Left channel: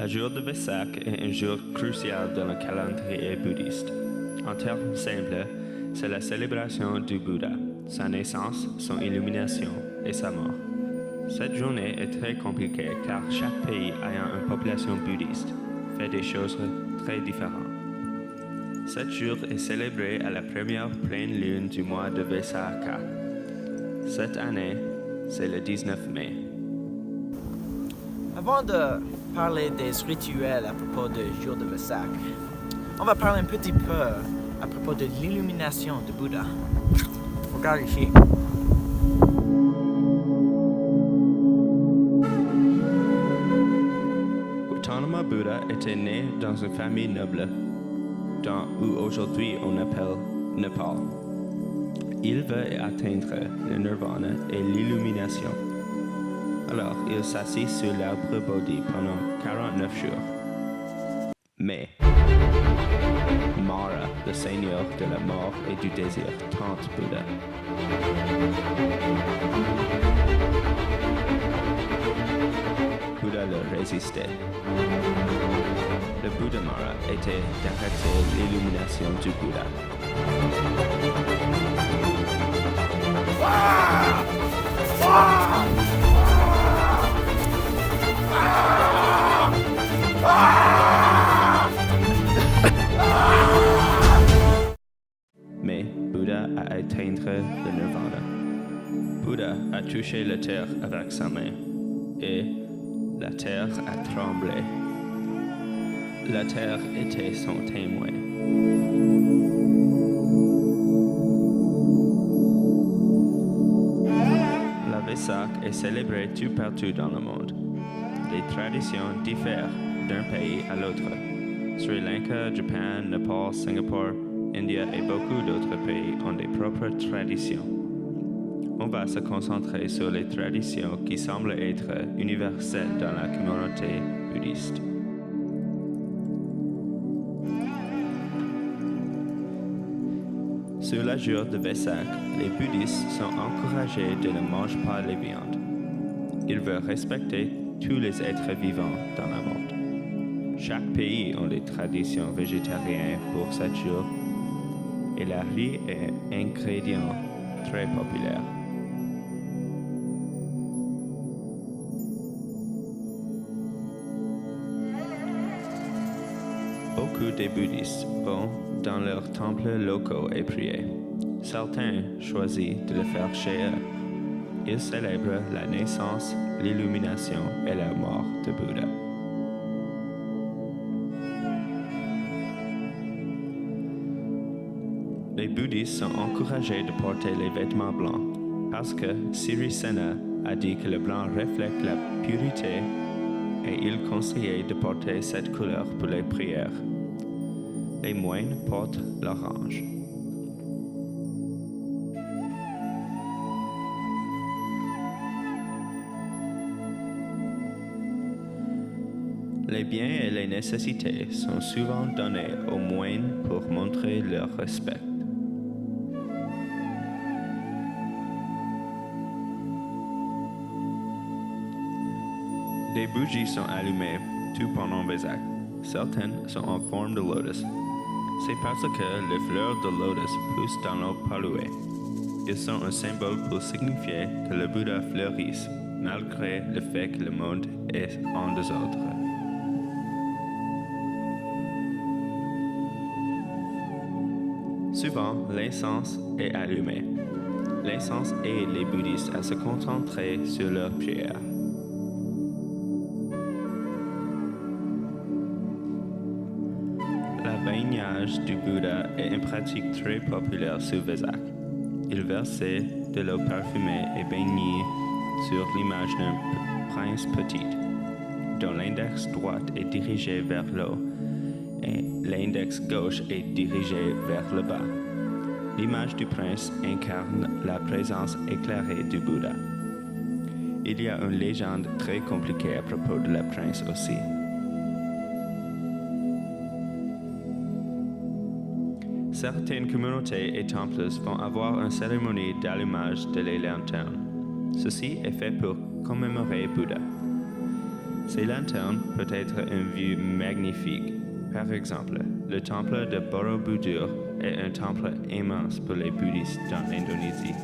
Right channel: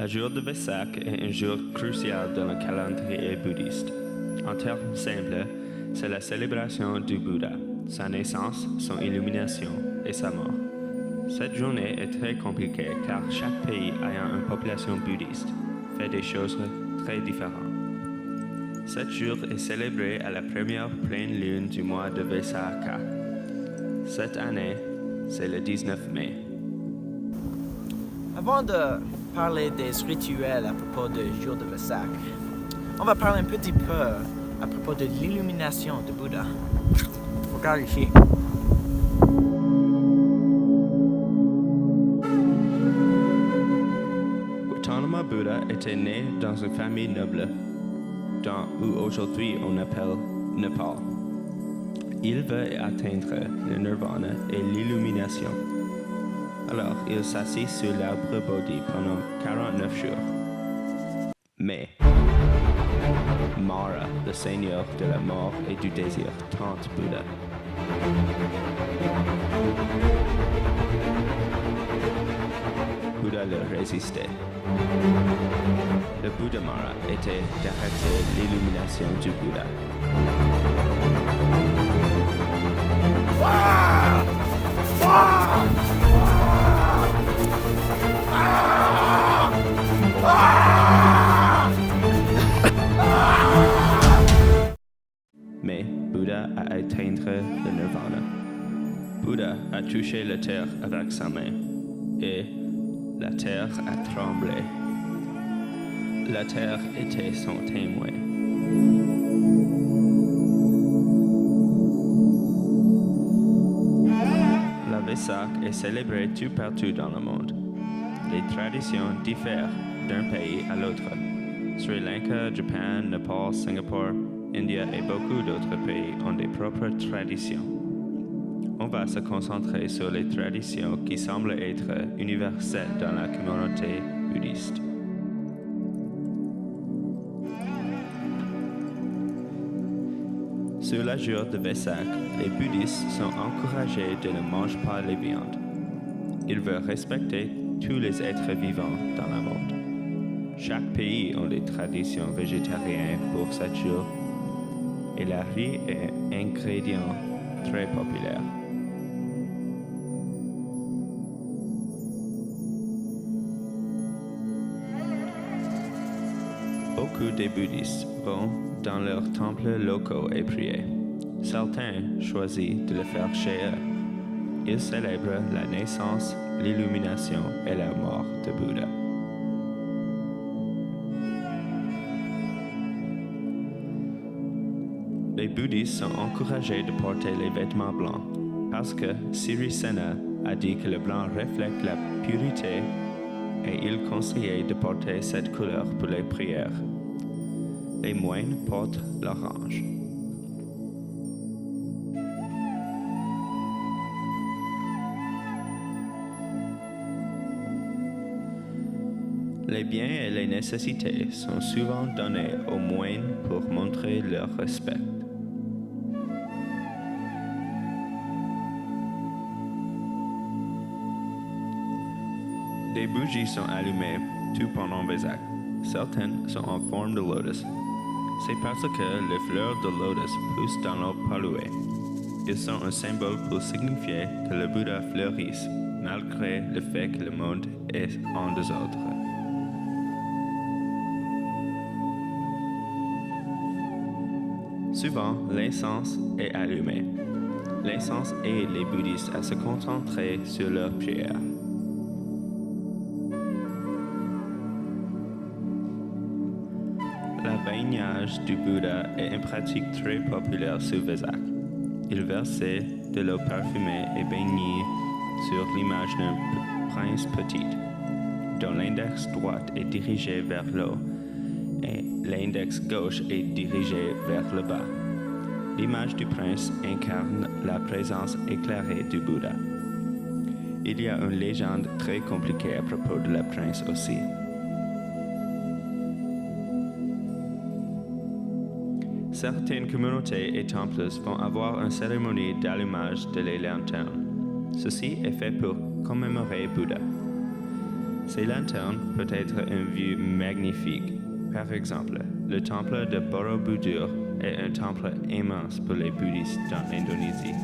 Le jour de Vesak est un jour crucial dans le calendrier bouddhiste. En termes simples, c'est la célébration du Bouddha, sa naissance, son illumination et sa mort. Cette journée est très compliquée car chaque pays ayant une population bouddhiste fait des choses très différentes. Cet jour est célébré à la première pleine lune du mois de Vesakha. Cette année, c'est le 19 mai. Avant de parler des rituels à propos du jour de Vesak, on va parler un petit peu à propos de l'illumination de Bouddha. Regarde ici. Gautama Bouddha était né dans une famille noble, où aujourd'hui on appelle Népal. Il veut atteindre le nirvana et l'illumination. Alors, il s'assit sur l'arbre Bodhi pendant 49 jours. Mais Mara, le seigneur de la mort et du désir, tente Bouddha. Bouddha leur résistait. Le but de Mara était d'arrêter l'illumination du Bouddha. Mais Bouddha a atteint le nirvana. Bouddha a touché la terre avec sa main et la terre a tremblé. La terre était son témoin. La Vesak est célébrée tout partout dans le monde. Les traditions diffèrent d'un pays à l'autre. Sri Lanka, Japon, Népal, Singapour, India et beaucoup d'autres pays ont des propres traditions. On va se concentrer sur les traditions qui semblent être universelles dans la communauté bouddhiste. Sur le jour de Vesak, les bouddhistes sont encouragés de ne manger pas les viandes. Ils veulent respecter tous les êtres vivants dans le monde. Chaque pays a des traditions végétariennes pour ce jour et la riz est un ingrédient très populaire. Beaucoup de bouddhistes vont dans leurs temples locaux et prier. Certains choisissent de le faire chez eux. Ils célèbrent la naissance, l'illumination et la mort de Bouddha. Les bouddhistes sont encouragés de porter les vêtements blancs parce que Sirisena a dit que le blanc reflète la pureté et il conseillait de porter cette couleur pour les prières. Les moines portent l'orange. Les biens et les nécessités sont souvent donnés aux moines pour montrer leur respect. Des bougies sont allumées tout pendant Vesak. Certaines sont en forme de lotus. C'est parce que les fleurs de lotus poussent dans l'eau polluée. Ils sont un symbole pour signifier que le Bouddha fleurisse, malgré le fait que le monde est en désordre. Souvent, l'incense est allumé. L'incense aide les bouddhistes à se concentrer sur leur prière. Le baignage du Bouddha est une pratique très populaire sur Vesak. Il versait de l'eau parfumée et baignait sur l'image d'un prince petit, dont l'index droit est dirigé vers l'eau et l'index gauche est dirigé vers le bas. L'image du prince incarne la présence éclairée du Bouddha. Il y a une légende très compliquée à propos de la prince aussi. Certaines communautés et temples vont avoir une cérémonie d'allumage de les lanternes. Ceci est fait pour commémorer Bouddha. Ces lanternes peuvent être une vue magnifique. Par exemple, le temple de Borobudur est un temple immense pour les bouddhistes dans l'Indonésie.